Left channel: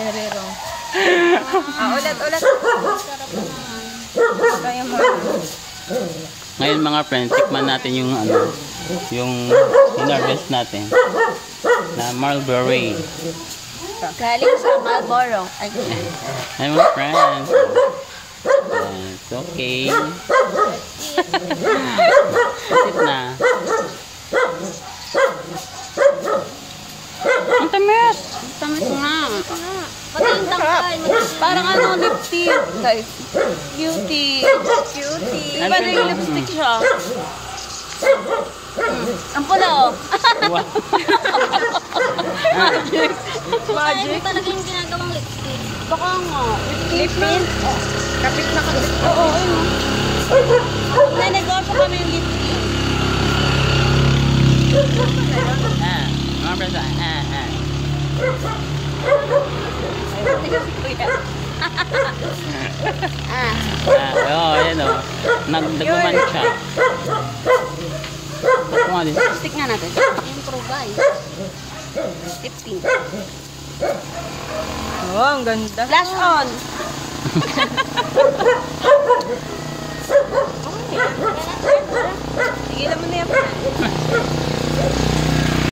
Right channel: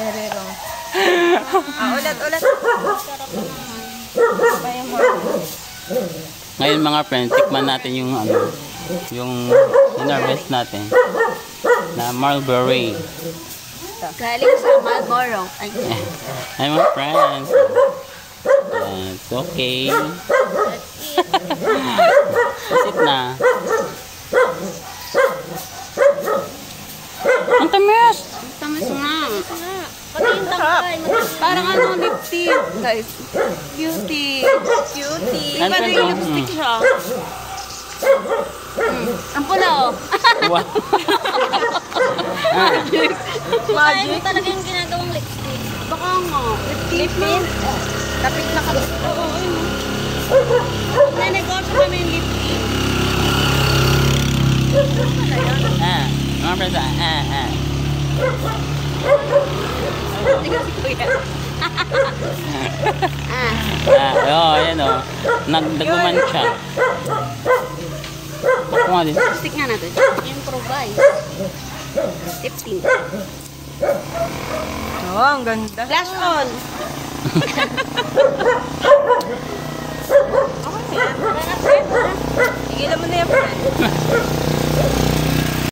Herero. Ulat. Sarap naman. Kaya mo. Ngayon mga friends, tikman natin yung yung hinarvest natin na mulberry. Galing sa Marlboro. Hi mga friends. It's okay. Sit na. Ang tamis! Ang tamis nga. Pati yung tangkay. Parang lip tint, guys. Cutie. Ano Parang yung lipstick siya. Ang pula, oh. Magic. Talaga yung ginagawang lipstick. Baka nga. Lip tint. Kapit na kapit. Oo. Nanegosyo kami yung lip tint. Mga friends, ayan o. Nagdaguman siya. Lipstick nga natin. Improvise. Lipstick. Oh, ang ganda. Flash on.